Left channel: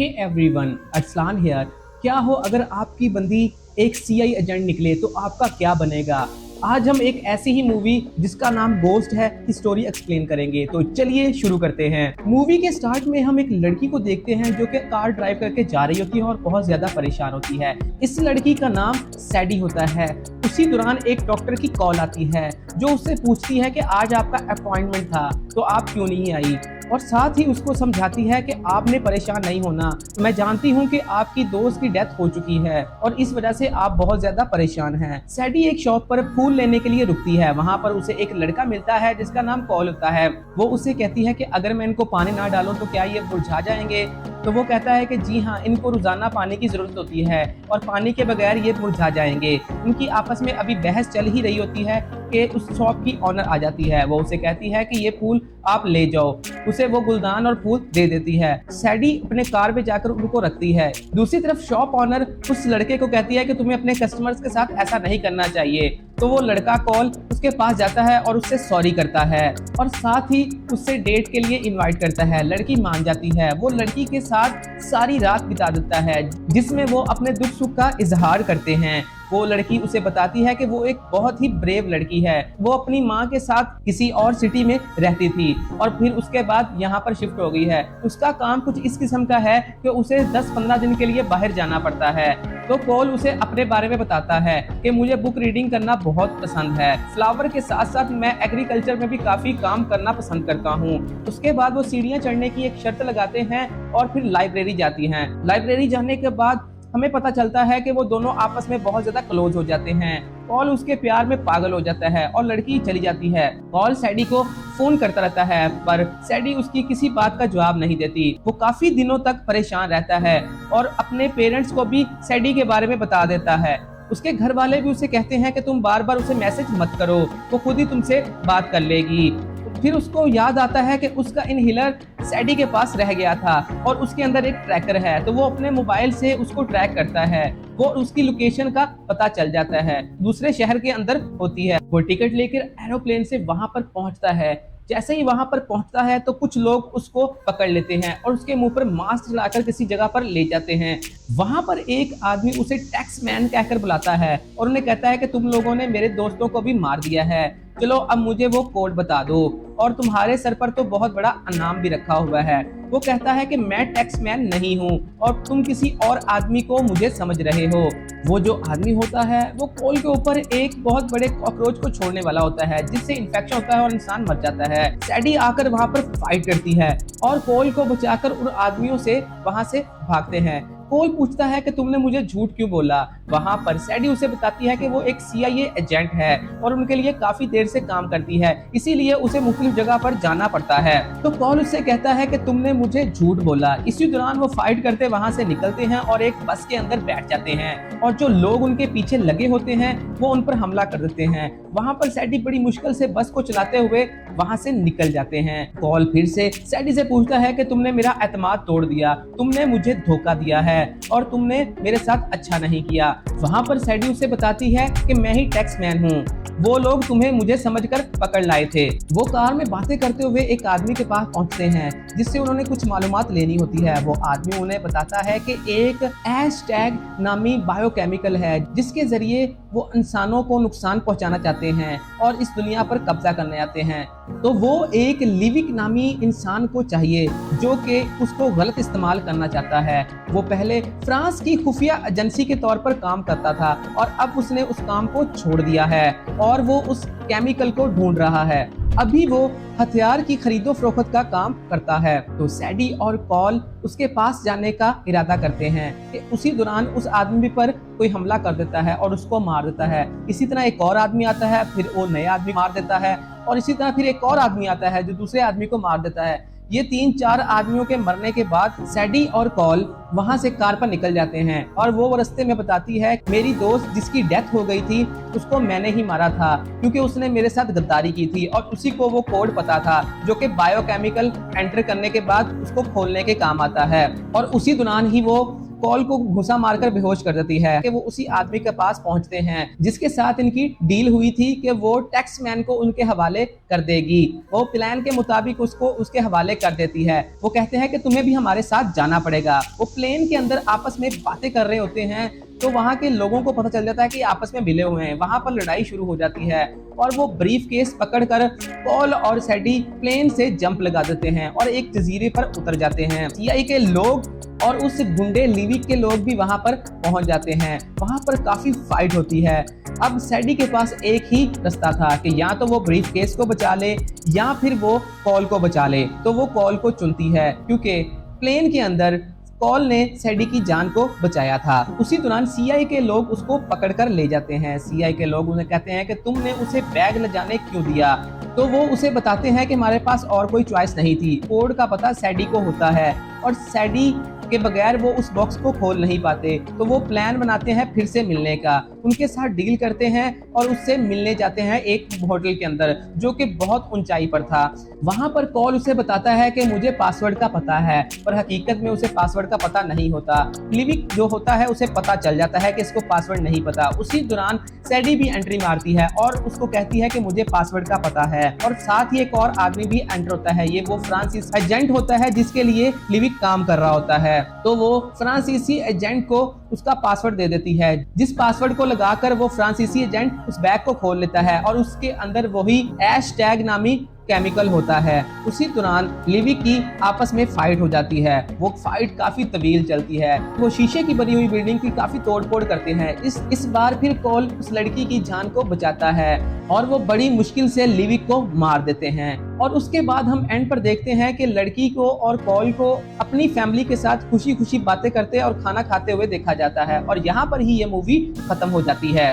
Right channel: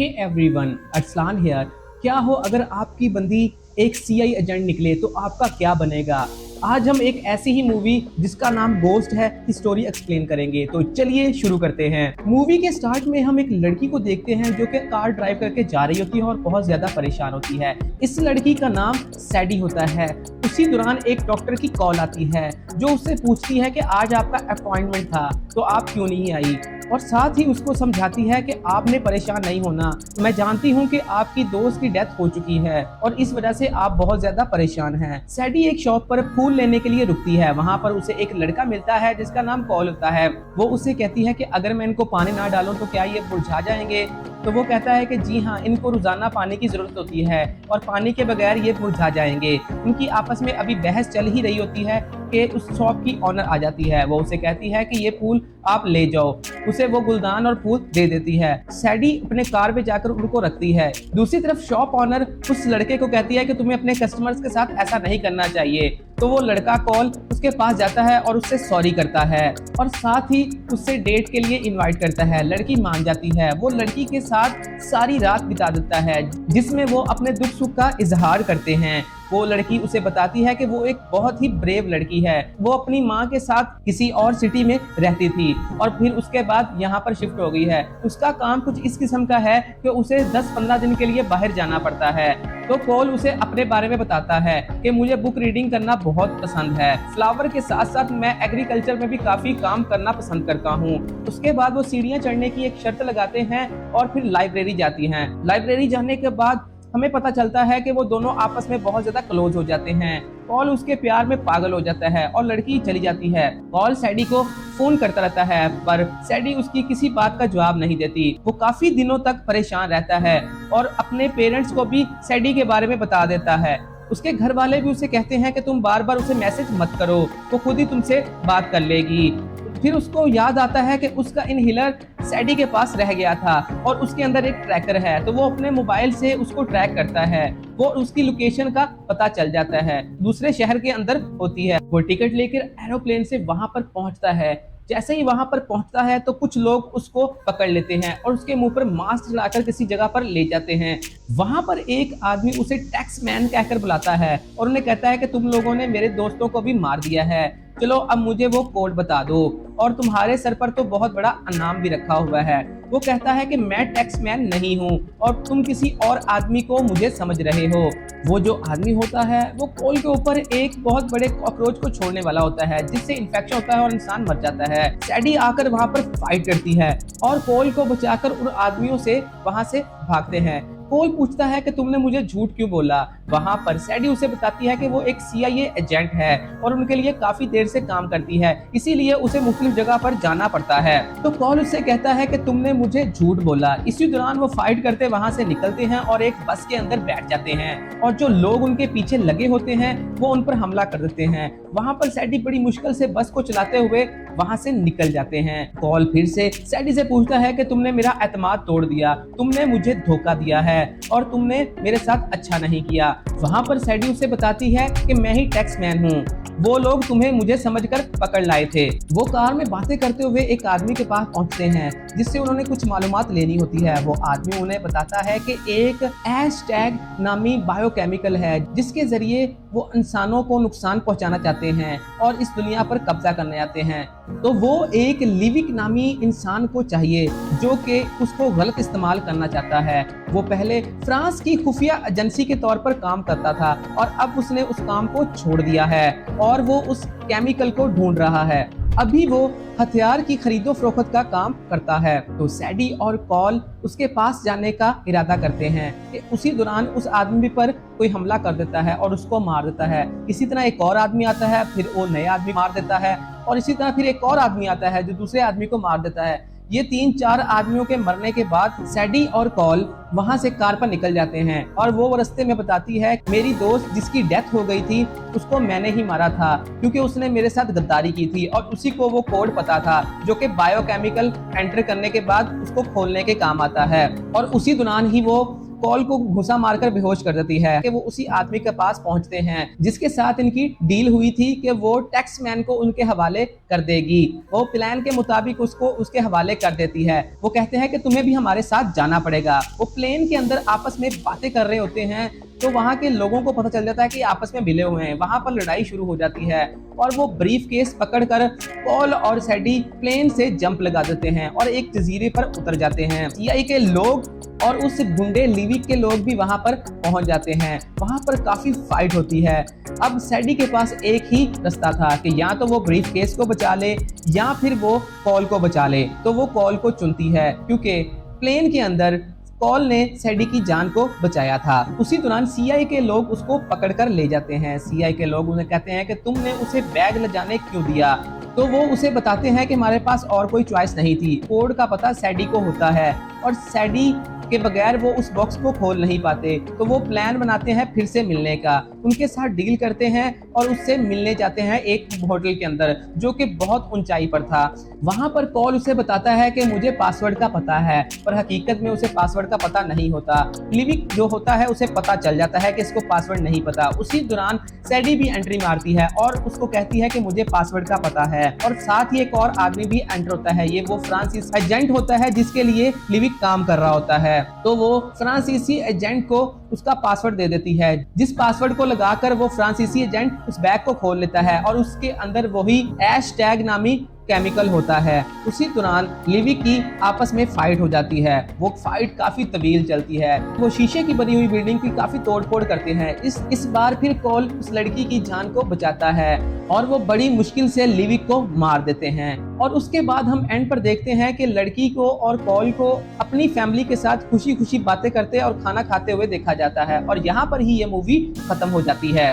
Hey everyone, Arsalan here. क्या हो अगर आपकी बंदी एक सीआई एजेंट निकले तो आपका क्या बनेगा। आज हम एक ऐसी ही मूवी जिसका नाम गोस्ट है की स्टोरी एक्सप्लेन करेंगे। तो चलिए शुरू करते हैं। मूवी के स्टार्ट में हम एक लड़की को देखते हैं जो कि कार ड्राइव करके जा रही होती है और बहुत ज्यादा परेशान होती है। इस लड़की का नाम सैडी होता है। उसी दौरान एक डॉक्टर की कॉल आती है जो उससे पूछती है कि आज आपका अपॉइंटमेंट था तो आप क्यों नहीं आई, और साथ ही उसको समझाती है कि आपने परेशान नहीं होना, मैं जानती हूँ कि आपकी दोस्त की डेथ हो चुकी है और इस वजह से आप बहुत ज्यादा परेशान हैं। सैडी एक शॉप पर फूल लेने के लिए रुकती है। वहाँ पर उसे एक लड़का मिलता है जिसका नाम पॉल होता है। वो उससे कहती है कि अगर मैं इनको पानी ना डालूं तो क्या ये मुरझा जाएंगे। तो वो कहता है कि जी हाँ, इनको रोजाना पानी की जरूरत होती है और पानी के बगैर ये मुरझा जाएंगे। उनकी आपस में अभी बहस चल ही रही होती है कि उस शॉप की ऑनर आ जाती है। वो उसे कहती है कि ये फूल आप ले जाओ। उसे वो गुलदान और फूल दे देती है। सैडी अपने कार पे जाकर उनको रखती है। दूसरी तरफ शॉप ऑनर उस लड़के को कहती है कि तुम्हें अपने कस्टमर्स के साथ ऐसा नहीं करना चाहिए। तो वो लड़का कॉल उसके पास जाता है और उससे सॉरी करता है और साथ ही उससे डेट के लिए इनवाइट करता है। लड़की मान जाती है। वो लड़की के साथ सारी रात बिता देता है जिसमें वो अपने दुख सुख का इजहार करते हैं। वो लड़की उसे बताती है कि वो एक बहुत ही ब्रेव लड़की है। वो अपनी माँ के साथ किसी और सिटी में रहती थी और फिर उसके बाद यहाँ पर शिफ्ट हो गई है। उसका काम कुछ इस किस्म का है कि उसे 10-15 दिन के लिए बाहर जाना पड़ता है। तो पॉल उसे अपने बारे में बताता है कि मुझे बुक रीडिंग करना बहुत पसंद है। फ्लावर के साथ साथ मैं एग्रीकल्चर में भी काफी काम करना पसंद करता हूँ। उसके बाद वो सीढ़ियाँ चढ़ने की एक शर्त लगाते हैं और फिर लाइब्रेरी जाती हैं। लाइब्रेरी जाने के बाद हमें पता चलता है कि वो दोनों आपस में बहुत ज्यादा क्लोज हो जाते हैं। पॉल उसके प्यार में पागल हो जाता है और लड़की चली जाती है। पॉल सैडी को फोन करता रहता है पर सैडी उसकी किसी बात का जवाब नहीं देती। वो काफी दिनों तक परेशान रहता है और अपने पेरेंट्स को भी सैडी के बारे में बता देता है। उसके घर वाले भी उसे कहते हैं कि तुम बार बार उसे मैसेज मत करो, वो खुद ही तुमसे बात कर लेगी। फिर उसको याद आता है कि उसका इनहेलर सैडी के पास रह गया था और उसके अंदर एक ट्रैकर है। तो वो अपने मोबाइल से उसको ट्रैक करता है। वो उसकी लोकेशन का पता चल जाता है, दूसरे शहर के अंदर होती है और टिकट लेकर एरोप्लेन से वहां पर पहुंचता है। जैसे ही वहां पर पहुंचता है तो कुछ लोग उसको पकड़ लेते हैं और उसके मुंह पर मास्क लगाकर किसी जगह पर ले जाते हैं। वहां पर एक आदमी उसे टैक्समैन कहकर बुलाता है और उन्हें कहता है कि तुम लोगों ने मेरे दोस्तों को भी मार दिया है, चलो अब मुझे वो कोड बता दो और तुम्हारे सर पर तो बहुत बड़ा इनाम भी रखा हुआ है। वो कहता है कि मैं टैक्समैन नहीं हूँ और तुम किसी और आदमी को मुझे समझ रहे हो। वो जो आदमी होता है वो कोल के ऊपर एक बहुत बड़े कॉकरोच को छोड़ने वाला होता है जिससे इन्फेक्शन होता है और इंसान मर जाता है। सैडी आकर वहाँ पर फाइट करती है और कोल को बचाकर उन आदमियों से वहाँ से भागते हैं। कोल पूछता है कि तुमने मुझे झूठ क्यों बोला। वहाँ पर सैडी उसे बताती है कि वो एक सीआईए एजेंट है और उनके लिए काफी देर से काम करती है, इसीलिए उसे मुख्तलिफ जगह पर जाना पड़ता है। तो कोल उससे कहता है कि तुमने मुझे झूठ बोला। इसी दौरान वो फाइट करते वहाँ से निकलते हैं और एक बस के अंदर बैठ जाते हैं और जो लोग उनके पीछे लगे होते हैं वो उन पर हमला कर देते हैं। वहाँ पर सैडी बड़ी मुश्किल से बस को चलाते हुए वहाँ से निकल जाते हैं। कोल फिर से सैडी से पूछता है कि तुमने मेरा एतमाद तोड़ दिया, तुमने मुझे धोखा दिया है और तुमने मेरे साथ अच्छा नहीं किया। वहाँ पर सैडी उसे बताती है कि मैं ही टैक्समैन हूँ, वो लोग तुम्हें मुझे समझकर पकड़ लाए थे। वो कार में बातें करते हुए एक आदमी के पास पहुँचते हैं जिससे उन्होंने कुछ मालूमात लेनी होती है। वो आदमी उन्हें बताता है कि एक हैशटैग नामी बायोकेमिकल है जिसके जरिए वो इंसानों को नुकसान पहुंचाना चाहते हैं और इस दुनिया पर कब्जा करने आते हैं। तो वो एक लिविक नामी इंसान को चाहिए जो कि उसको गलत इस्तेमाल करना चाहता है। वो पहले फ्रांस की खुफिया एजेंसी के तौर पर काम करता था और अब उसने उस काम को छोड़ दिया है और वो उस केमिकल को ढूंढ रहा है। अभी वो हथियार की खरीदो फरोख्त का काम करता है। तो सैडी और कॉल उसके पास जाने का इरादा करते हैं कि उसी दौरान उस आदमी पर कोई हमला कर देता है और उसको मार देता है। इसी तरह एक और आदमी आता है, फिर वो नया आदमी मार देता है और इसी तरह फिर एक और आदमी आता है जो दूसरे आदमी को मार देता है। ये 3-4 आदमियों के मरने के बाद सैडी और कॉल वहां से कार पर निकल जाते हैं और वो रास्ते में बताती है मेरी दोस्त जिसकी डेथ हो गई थी उसको मैंने ही मारा था क्योंकि उसने मेरे साथ गद्दारी की थी और उसी को वो कोड पता था जो कि बायोकेमिकल एंटर करने के बाद उसको खोलने के काम आता है। और उसी दौरान ही वो कॉल को घुसा मारकर बेहोश कर देती है कि वो उसी आदमी के पास पहुंचते हैं जिसके साथ इनकी डील हुई थी कि वो टैक्समैन को उनके हवाले कर देगी। वो प्लान के मुताबिक उसको उसके हवाले कर देती है। वो कहते हैं कि तुम्हें भी हमारे साथ जाना पड़ेगा। वो प्लेन के अंदर आपस में बातें कर रहे होते हैं तो वहाँ के लोगों को पता चल जाता है कि आपस में मिले हुए हैं। वहाँ पर लड़ाई शुरू हो जाती है और वो ब्रीफ केस पकड़कर पॉल और सैडी प्लेन से जंप लगा देते हैं और एक जजीरे पर उतर जाते हैं। सीआईए के लोग और उस गुंडे लिविक के लोग भी वहाँ पर पहुंच जाते हैं। वहाँ पर काफी फाइट होती है। अब सैडी के पास एक ही रास्ता था कि या तो वो ब्रीफ केस को बचा ले या फिर वो कॉल को बचा ले। तो वो कॉल को चुनती है क्योंकि प्लेन के अंदर पॉल ने सैडी की जान को बचाया था। उसी दौरान सीआईए के लोग उसको पकड़कर ले जाते हैं। सीआईए के लोग उन्हें कहते हैं कि तुमने उसे बैग ले जाने क्यों दिया। तो वो उसे बताते हैं कि हमारे पास और कोई चॉइस नहीं थी। कोड का पता सैडी को होता है और सैडी के बगैर वो उस बॉक्स को खोल नहीं पाते। तो वो प्लान बनाते हैं फिर से मिलने का, उनके साथ डील करते हैं और उससे मिलने जाते हैं एक होटल के अंदर जो कि बहुत ऊंचाई पर था। वहां पर कॉल उसे बताता है कि मुझे पासवर्ड का पता है, पर हकीकत में उसे पासवर्ड का पता नहीं होता। लिविक जो होता है उसे पता चल जाता है कि इसको पासवर्ड नहीं पता। उसी दौरान सैडी भी एंट्री मारती है और उसको कहती है कि मुझे पासवर्ड का पता है। और साथ ही एक और आदमी भी एंटर होता है। ये वो फ्रांसीसी एजेंट होता है जिसके लिए लिविक काम कर रहा होता है। तो वो फ्रांसीसी एजेंट को उसका पासवर्ड दे देती है, जिस पासवर्ड को लगाकर वो फ्रांसीसी एजेंट उस बैग को खोल लेता है और उसके अंदर वही ऐश टैग नामी केमिकल होता है। उसी दौरान लिविक की आपस में फाइट हो जाती है। वो फाइट काफी तवील चलती है। वो शीशे की बनी हुई बिल्डिंग की काफी तोड़फोड़ करते हैं। इस बार फिर कॉल उस लड़की की जान को बचाता है और वो बड़ी मुश्किल से लिविक को मार देते हैं। और उसके बाद हम एंड पर देखते हैं कि लड़की को और कॉल को अपनी फैमिली के साथ खुशी खुशी बातें करते और खाना खाते हुए देखा जाता है और यहाँ पर ही ये मूवी खत्म हो जाती है।